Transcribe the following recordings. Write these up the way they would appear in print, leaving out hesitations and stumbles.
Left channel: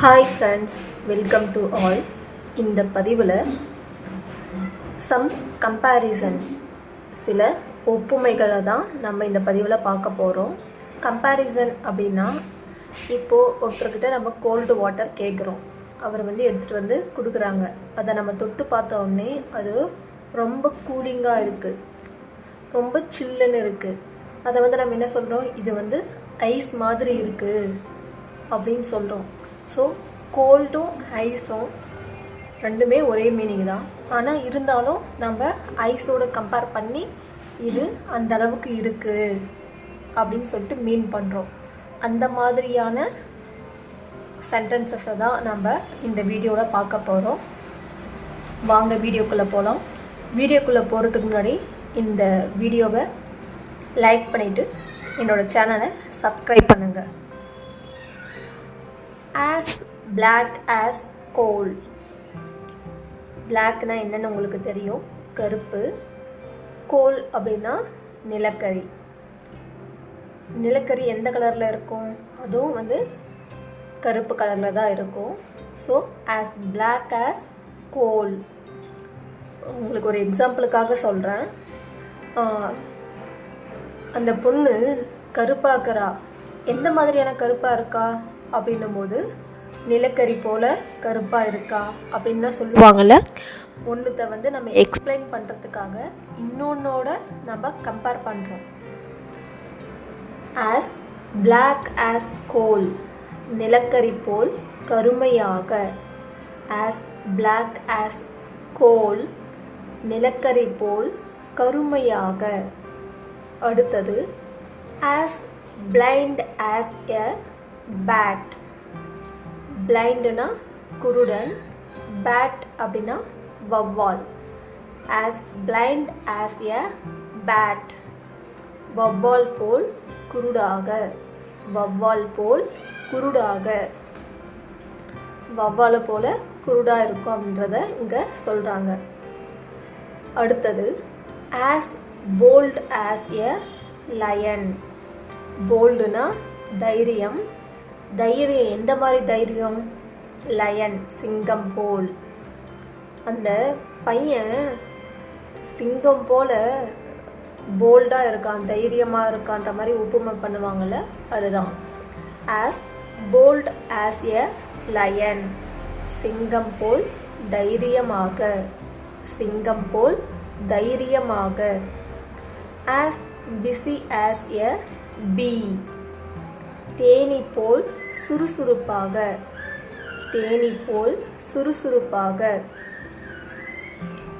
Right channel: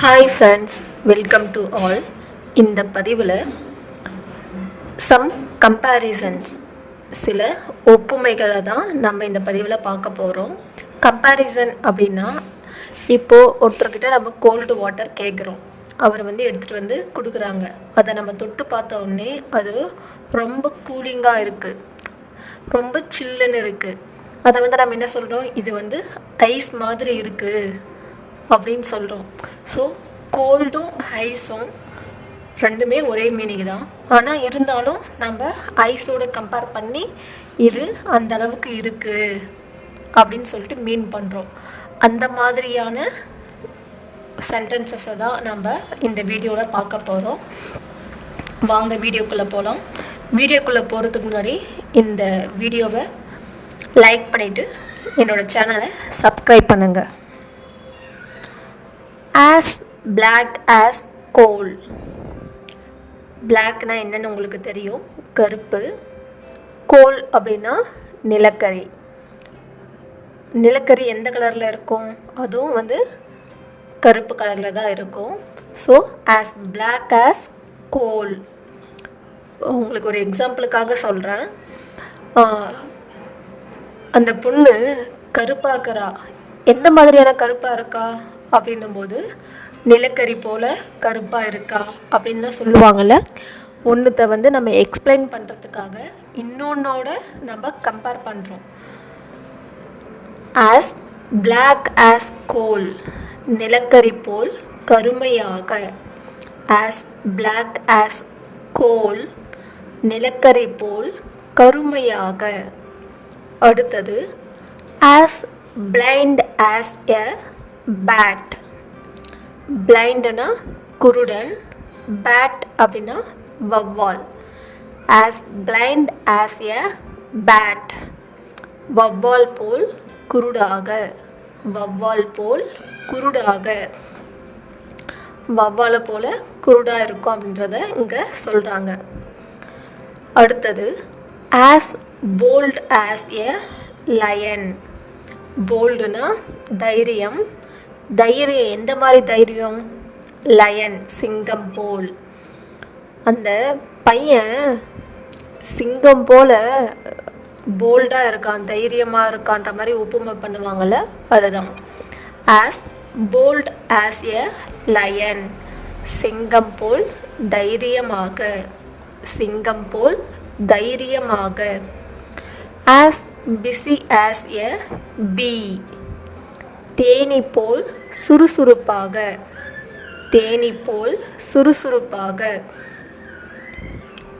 Hi friends, welcome to all. இந்த பதிவில் some comparisons, சில ஒப்புமைகளை தான் நம்ம இந்த பதிவில் பார்க்க போகிறோம். கம்பேரிசன் அப்படின்னா, இப்போது ஒருத்தர்கிட்ட நம்ம கோல்டு வாட்டர் கேட்குறோம், அவர் எடுத்துகிட்டு வந்து கொடுக்குறாங்க. அதை நம்ம தொட்டு பார்த்த உடனே அது ரொம்ப கூலிங்காக இருக்குது, ரொம்ப சில்லுன்னு இருக்குது. அதை நம்ம என்ன சொல்கிறோம், இது ஐஸ் மாதிரி இருக்குது அப்படின்னு சொல்கிறோம். ஸோ கோல்டும் ஐஸும் ரெண்டுமே ஒரே மீனிங் தான். ஆனால் இருந்தாலும் நம்ம ஐஸோடு கம்பேர் பண்ணி இது அந்த அளவுக்கு இருக்குது அப்படின்னு சொல்லிட்டு மீன் பண்ணுறோம். அந்த மாதிரியான சென்டென்சஸை தான் நம்ம இந்த வீடியோவில் பார்க்க போகிறோம். வாங்க வீடியோக்குள்ளே போகலாம். வீடியோக்குள்ளே போகிறதுக்கு முன்னாடி இந்த வீடியோவை லைக் பண்ணிவிட்டு என்னோடய சேனலை சப்ஸ்கிரைப் பண்ணுங்கள். as black as coal. blackனா என்னன்னு உங்களுக்கு தெரியும், கருப்பு. கோல் அப்படின்னா நிலக்கரி. நிலக்கரி எந்த கலரில் இருக்கும், அதுவும் கருப்பு கலரில் தான் இருக்கும். So as black as coal. உங்களுக்கு ஒரு எக்ஸாம்பிளுக்காக சொல்கிறேன். அந்த பொண்ணு கருப்பாக்கிறா, எந்த மாதிரியான கருப்பாக இருக்கா அப்படின்னும்போது நிலக்கரி போல் கருப்பாக இருக்கா அப்படின்லாம் சொல்லுவாங்கள்ல. ஒன்றுத்தை நம்ம எக்ஸ்பிளைன் பண்ணுறதுக்காக இன்னொன்னோட நம்ம கம்பேர் பண்ணுறோம். as black as coal, நிலக்கரி போல் கருமையாக. as black as coal, நிலக்கரி போல் கருமையாக. அடுத்தது as blind as a bat. பிளைண்டுனா குருடன், பேட் அப்படின்னா வவ்வால். as blind as a bat, வவ்வால் போல் குருடாக. வவ்வால் போல் குருடாக, வவ்வால் போல் குருடாக இருக்கும் அப்படின்றத இங்கே சொல்கிறாங்க. அடுத்தது as bold as a lion. போல்டுனா தைரியம். தைரியம் எந்த மாதிரி தைரியம், லயன் சிங்கம் போல். அந்த பையன் சிங்கம் போல் போல்டாக இருக்கான், தைரியமாக இருக்கான்ற மாதிரி ஒப்புமை பண்ணுவாங்கள்ல, அதுதான். as bold as a lion, சிங்கம் போல் தைரியமாக. சிங்கம் போல் தைரியமாக. as busy as a bee. Theni போல் சுறுசுறுப்பாக. தேனி போல் சுறுசுறுப்பாக.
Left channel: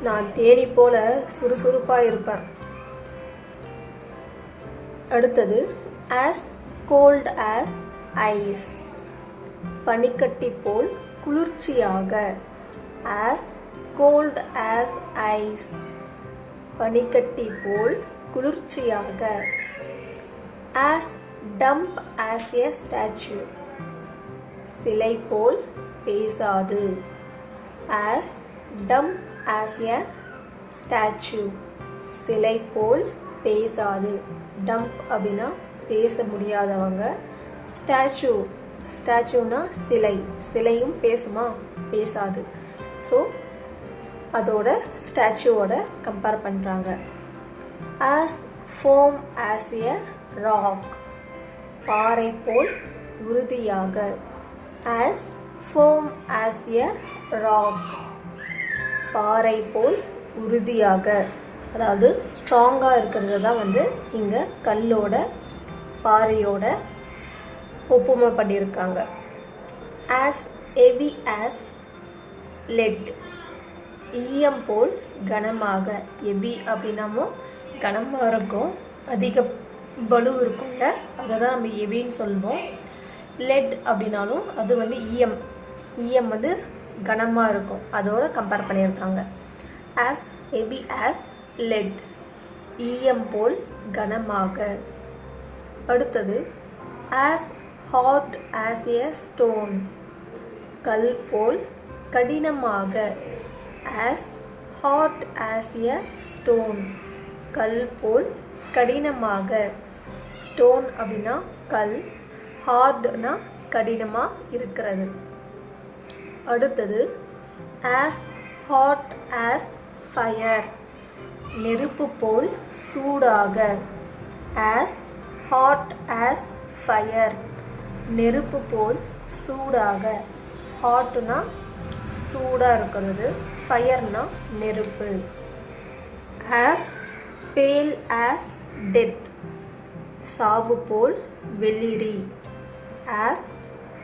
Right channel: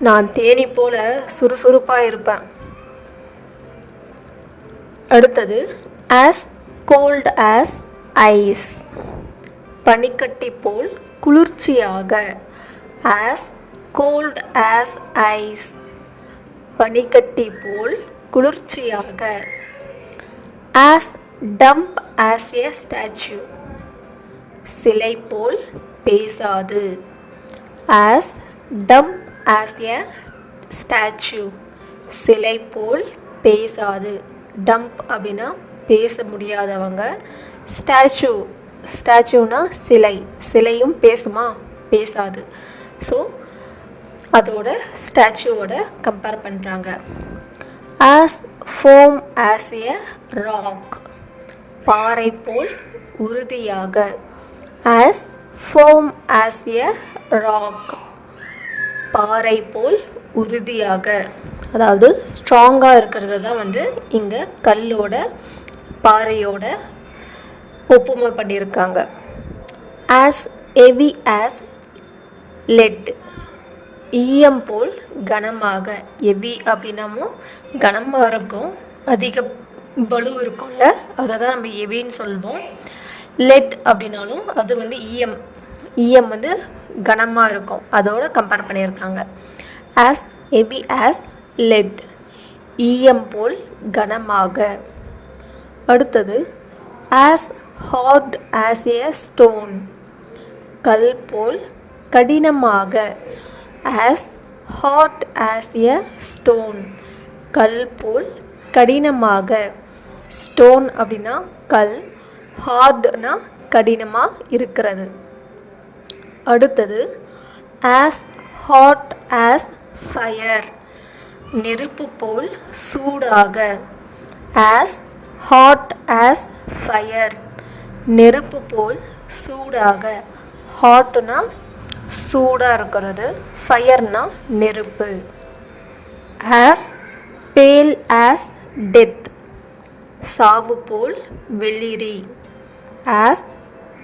நான் தேனி போல சுறுசுறுப்பாக இருப்பேன். அடுத்தது as cold as ice. பனிக்கட்டி போல் குளிர்ச்சியாக. as cold as ice, பனிக்கட்டி போல் குளிர்ச்சியாக. as dumb as a statue, சிலை போல் பேசாது. as dumb as a statue, சிலை போல் பேசாது. டம்ப் அப்படின்னா பேச முடியாதவங்க. ஸ்டாச்சுனா சிலை, சிலையும் பேசுமா, பேசாது. ஸோ அதோட ஸ்டாச்சுவோட கம்பேர் பண்ணுறாங்க. as firm as a rock, பாறை போல் உறுதியாக. as firm as a rock, பாறை போல் உறுதியாக. அதாவது ஸ்ட்ராங்காக இருக்கிறது தான் இங்கே கல்லோட பாறையோட ஒப்புமை பண்ணியிருக்காங்க. as heavy as lead, ஈயம் போல் கனமாக. ஹெவி அப்படின்னாமோ கனமாக இருக்கும், அதிக பலு இருக்கும்ல, அதை தான் நம்ம ஹெவின்னு சொல்வோம். லெட் அப்படின்னாலும் அது ஈயம், ஈயம் கனமாக இருக்கும், அதோட கம்பேர் பண்ணியிருக்காங்க. as heavy as lead, ஈயம் போல் கனமாக. அடுத்தது as hard as a stone, கல் போல் கடினமாக. as hard as a stone, கல் போல் கடினமாக. ஸ்டோன் அப்படின்னா கல், ஹார்ட்னா கடினமாக இருக்கிறது. அடுத்தது as hot as fire, நெருப்பு போல் சூடாக. as hot as fire, நெருப்பு போல் சூடாக. ஹாட்னா சூடாக இருக்கிறது, ஃபயர்னா நெருப்பு. as pale as death, சாவு போல் வெளிரி. as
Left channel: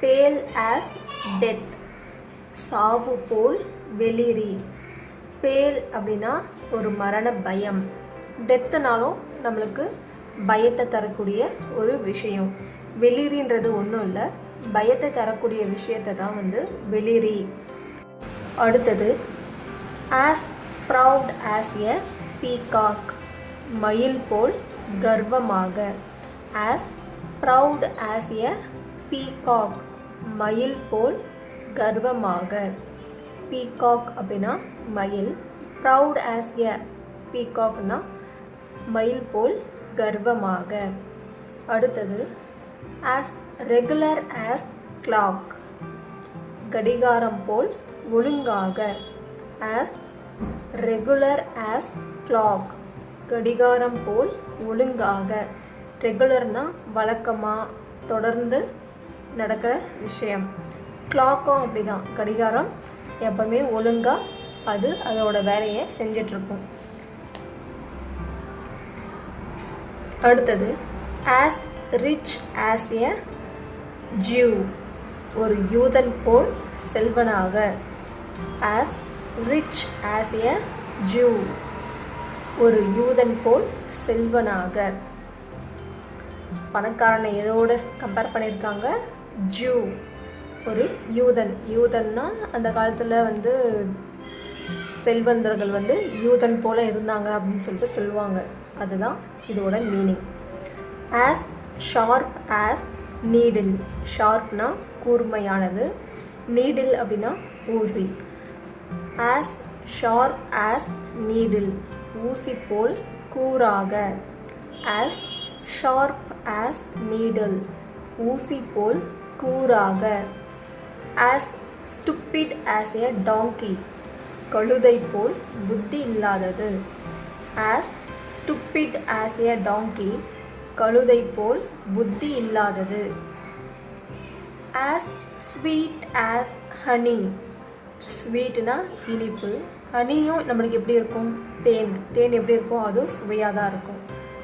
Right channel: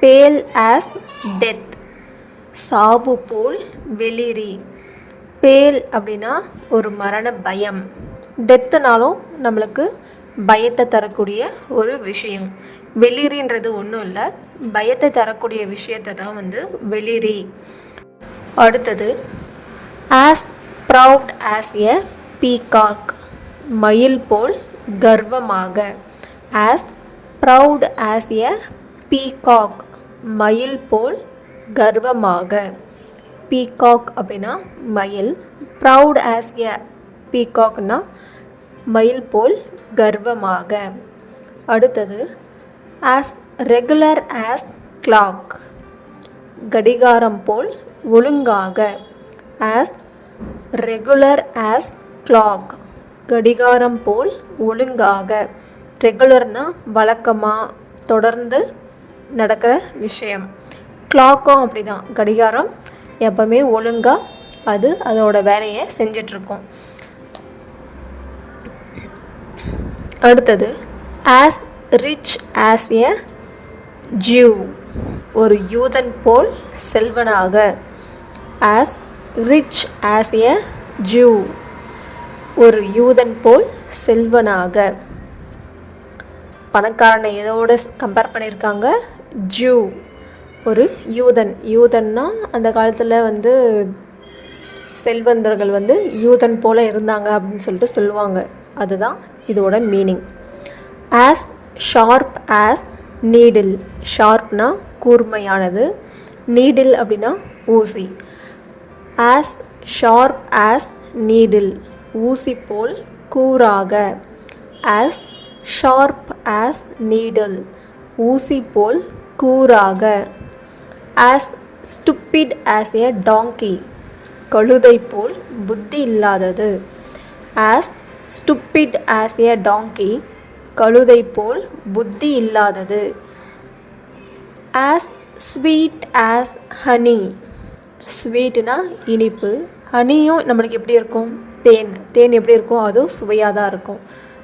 pale as death, சாவு போல் வெளிரி. பேல் அப்படின்னா ஒரு மரண பயம். டெத்துனாலும் நம்மளுக்கு பயத்தை தரக்கூடிய ஒரு விஷயம். வெளிரின்றது ஒன்றும் இல்லை, பயத்தை தரக்கூடிய விஷயத்தை தான் வெளிரி. அடுத்தது as proud as a peacock, மயில் போல் கர்வமாக. as proud as a peacock, மயில் போல் கர்வமாக. பீகாக் அப்படின்னா மயில், ப்ரவுட் ஆஸ் எ பீகாக்னா மயில் போல் கர்வமாக. அடுத்தது ஆஸ் ரெகுலர் ஆஸ் கிளாக், கடிகாரம் போல் ஒழுங்காக. ஆஸ் ரெகுலர் ஆஸ் கிளாக், கடிகாரம் போல் ஒழுங்காக. ரெகுலர்னா வழக்கமாக தொடர்ந்து நடக்கிற விஷயம். கிளாக்கும் அப்படி தான், கடிகாரம் எப்பவுமே ஒழுங்காக அது அதோட வேலையை செஞ்சிட்ருக்கோம். அடுத்தது as rich as a Jew, ஒரு யூதன் போல் செல்வனாக. as rich as a Jew, ஒரு யூதன் போல் செல்வனாக. பணக்காரனை எதோட கம்பேர் பண்ணியிருக்காங்க? ஜூ, ஒரு யூதன். யூதன்னா அந்த காலத்தில் செல்வந்தர்கள் யூதன் போல் இருந்தாங்க அப்படின்னு சொல்லிட்டு சொல்லுவாங்க. அதுதான் இதோட meaning. As sharp as needle, ஷார்ப்னா கூர்மையானது, நீடில் அப்படின்னா ஊசி. ஆஸ் ஷார்ப் ஆஸ் நீடில், ஊசி போல் கூராக. ஆஸ் ஷார்ப் ஆஸ் நீடில், ஊசி போல் கூராக. as stupid as a donkey, கழுதை போல் புத்தி இல்லாதது. as stupid as a donkey, கழுதை போல் புத்தி இல்லாதது. as sweet as honey, ஸ்வீட்னா இனிப்பு, ஹனியும் நம்மளுக்கு எப்படி இருக்கும்? தேன். தேன் எப்படி இருக்கும்? அதுவும் சுவையாக தான் இருக்கும்.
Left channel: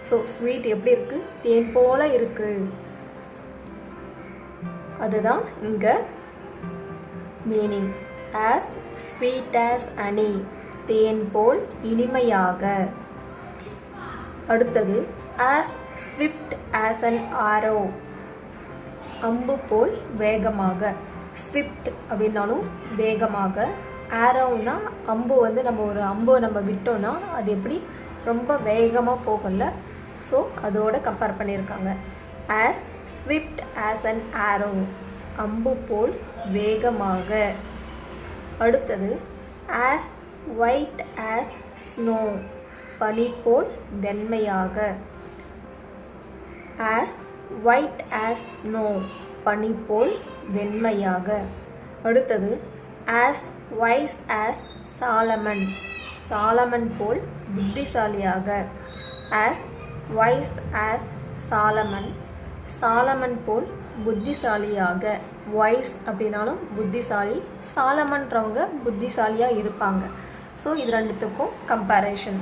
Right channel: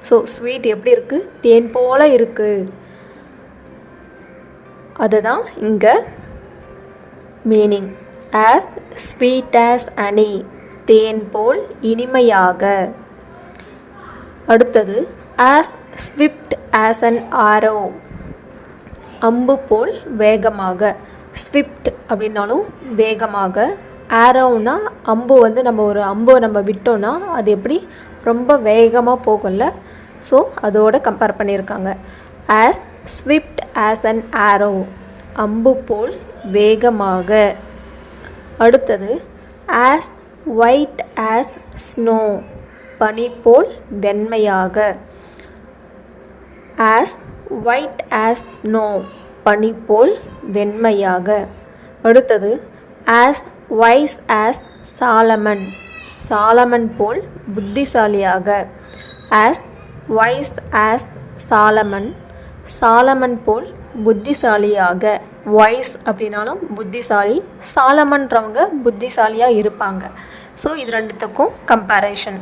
ஸோ ஸ்வீட் எப்படி இருக்குது? தேன் போல் இருக்குது. அதுதான் இங்கே meaning. as sweet as honey, தேன் போல் இனிமையாக. அடுத்தது as swift as an arrow, அம்பு போல் வேகமாக. swift அப்படின்னாலும் வேகமாக. arrowனா அம்பு நம்ம ஒரு அம்பு விட்டோன்னா அது எப்படி ரொம்ப வேகமாக போகல. ஸோ அதோட கம்பேர் பண்ணியிருக்காங்க. as swift as an arrow, அம்பு போல் வேகமாக. அடுத்தது as white as snow, பனி போல் வெண்மையாக. as white as snow, பனி போல் வெண்மையாக. அடுத்தது as wise as Solomon, Solomon போல் புத்திசாலியாக. as wise as Solomon, Solomon போல் புத்திசாலியாக. வாய்ஸ் அப்படின்னாலும் புத்திசாலி, சாலமன்றவங்க புத்திசாலியாக இருப்பாங்க. ஸோ இது ரெண்டுத்துக்கும் கம்பேரிஷன்.